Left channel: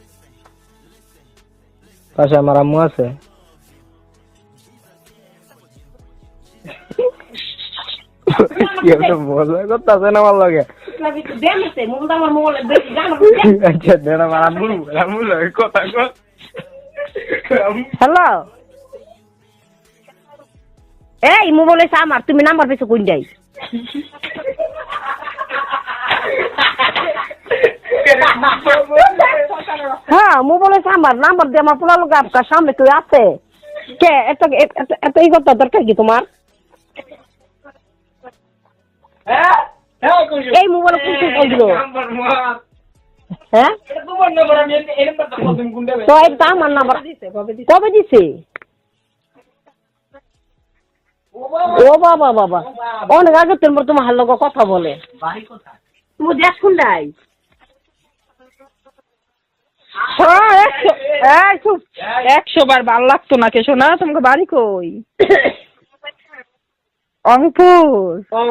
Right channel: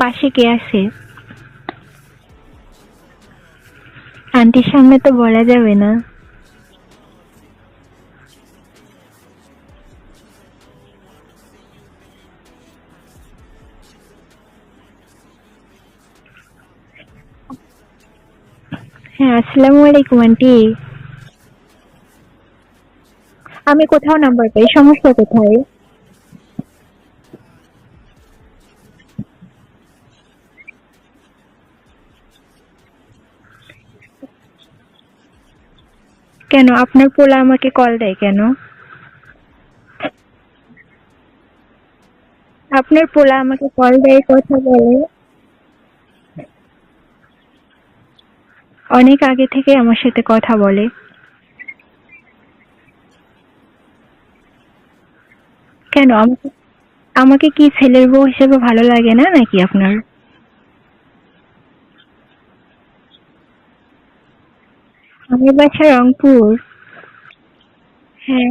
পাশে কে আছে? পাশে আমার আম্মু আছে। আন্টির সামনে তো বলা যাবে না। কেউ তো বলবে করতেছে না আমার লগে। আচ্ছা দেন আমার আম্মু লগে কথা কর। হ্যালো, হ্যাঁ, আসসালামু আলাইকুম আন্টি। এই মোবাইল এসে আমার, তুমি নাম্বার পেয়েছো কোন যাই? আমি কোথাও নাম্বার পাই, সমস্যা কোথায়? হ্যাঁ, মোবাইল এসে আমার নাম্বার দিয়ে আমার পোলা লোক আপনার সামনে কেউ আছে কে? এত এই কথা দরকার কি তোমার? কেন আপনার পোলা আমাকে কল দেয় কেন? এই মোবাইলে কোন কল দিল? আপনার পোলা আমাকে হ্যাঁ? কল দেয়, কথা বলে। তো এটা আমার নাম্বার কবে দিছে? অনেক আগে থেকে আমার সাথে কথা বলে। ও বাবা বাবা, অনেক আগে তোমার হার লোক কথা বলে। কেন আমাকে কি ছেলের বউ হিসেবে ভালো লাগে না নাকি আপনার? 100 বার ভালো লাগতো না কে শোনা? তোমাকে বাড়ি কই? আমার বাসা রংপুর। রংপুর? হ্যাঁ।